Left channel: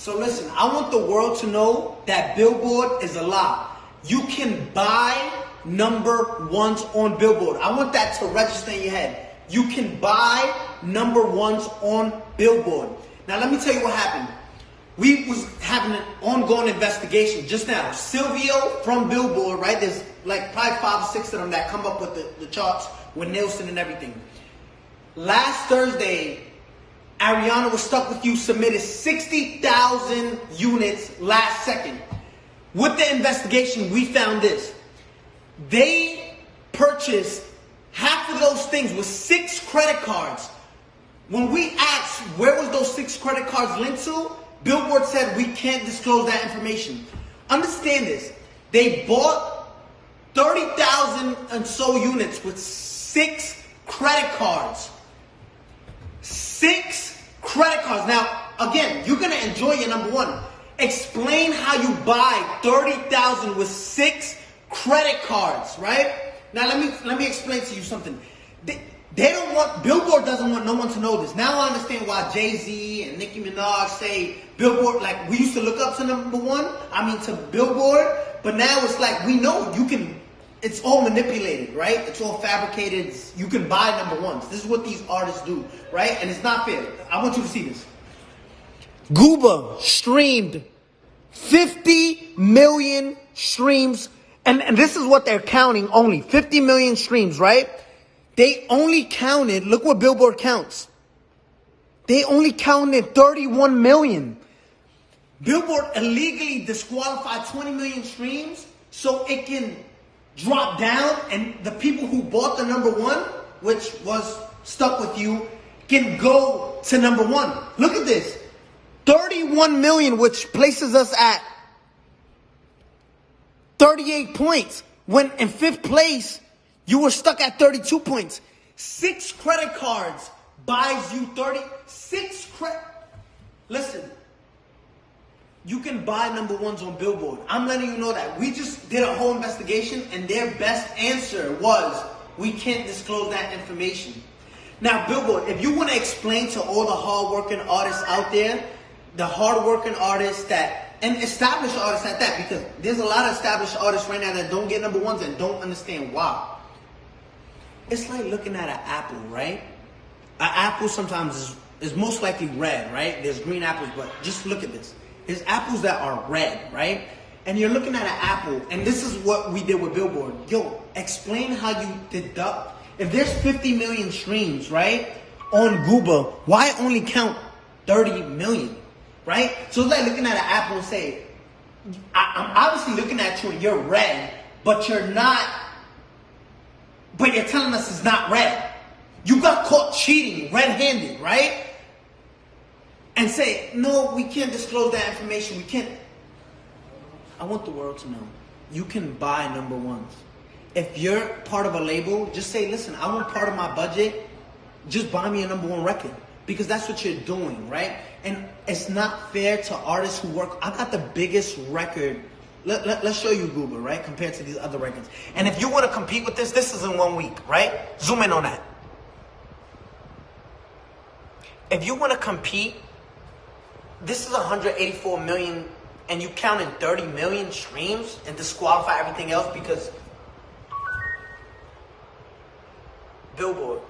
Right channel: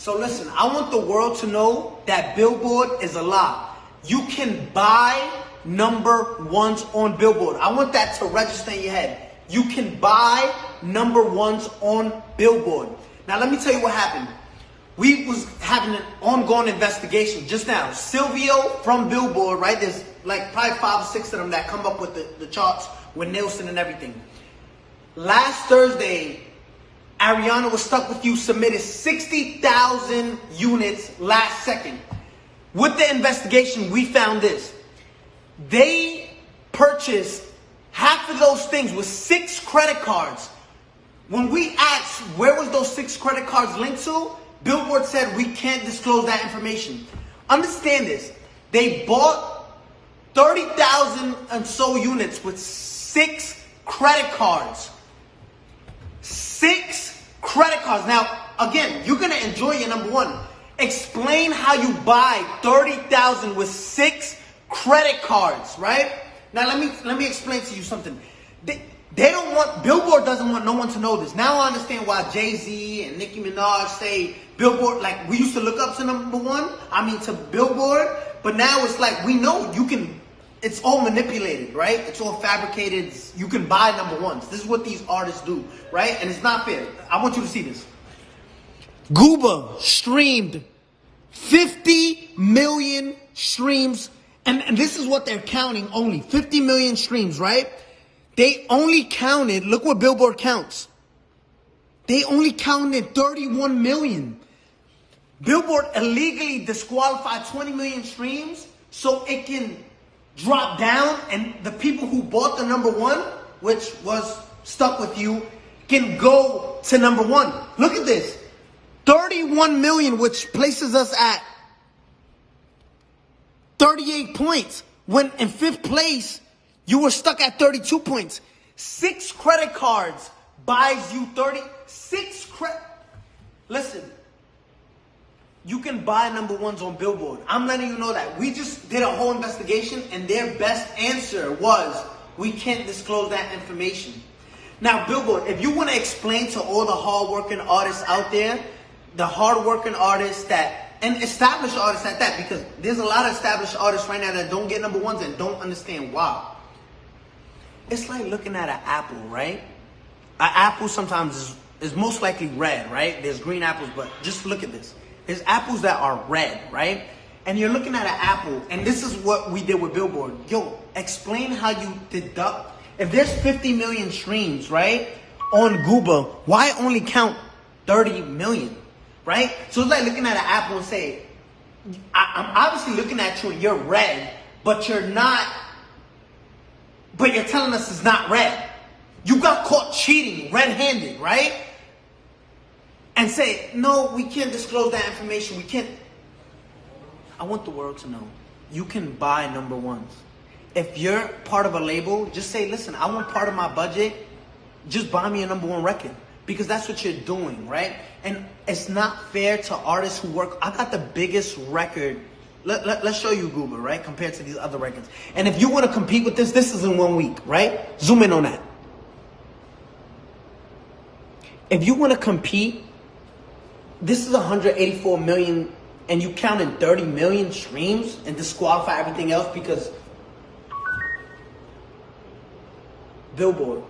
So listen, I want the world to know that Billboard is a lie. You can buy number ones on Billboard. I want that to register in your head. You can buy number ones on Billboard. Now let me tell you what happened. We was having an ongoing investigation just now. Silvio from Billboard, right? There's like probably 5 or 6 of them that come up with the charts with Nielsen and everything. Last Thursday, Ariana Was Stuck With You submitted 60,000 units last second. With the investigation, we found this. They purchased half of those things with 6 credit cards. When we asked where was those 6 credit cards linked to, Billboard said we can't disclose that information. Understand this. They bought 30,000 and so units with 6 credit cards. 6 credit cards. Now, again, you're going to enjoy your number one. Explain how you buy 30,000 with 6 credit cards, right? Now, let me explain to you something. They don't want, Billboard doesn't want no one to know this. Now I understand why Jay-Z and Nicki Minaj say Billboard, like we used to look up to number one, to Billboard, but now it's like we know you can, it's all manipulated, right? It's all fabricated. You can buy number ones. This is what these artists do, right? And it's not fair. I want you to see this. Gooba streamed 50 million streams, and this is what they're counting only, 50 million streams, right? They only counted, look what Billboard counts. They only counted 31 million. Billboard illegally disqualified 20 million streams so it can drop down and the people who bought the number one, which was Stuck With You, can go to number one. Look at this. 31 million, which places us at 38 points. When in 5th place, you were stuck at 32 points. 6 credit cards buys you 36 credit. Listen, you can buy number ones on Billboard. I'm letting you know that. We just did a whole investigation and their best answer was, we can't disclose that information. Now, Billboard, if you want to explain to all the hardworking artists out there, the hardworking artists that, and established artists at that, because there's a lot of established artists right now that don't get number ones and don't understand why. It's like looking at an apple, right? An apple sometimes is most likely red, right? There's green apples, but just look at this. There's apples that are red, right? And you're looking at an apple, and this is what we did with Billboard. Yo, explain how you deduct. If there's 50 million streams, right, on Gooba, why only count 30 million, right? So it's like looking at an apple and say, I'm obviously looking at you and you're red, but you're not. But you're telling us it's not red. You got caught cheating red-handed, right? And say, no, we can't disclose that information. We can't. I want the world to know. You can buy number ones. If you're part of a label, just say, listen, I want part of my budget. Just buy me a number one record. Because that's what you're doing, right? And it's not fair to artists who work. I got the biggest record. Let's show you Google, right? Compared to these other records. And if you want to compete with this is in 1 week, right? Zoom in on that. If you want to compete, this is 184 million and you count in 30 million streams and disqualify everything else because Billboard.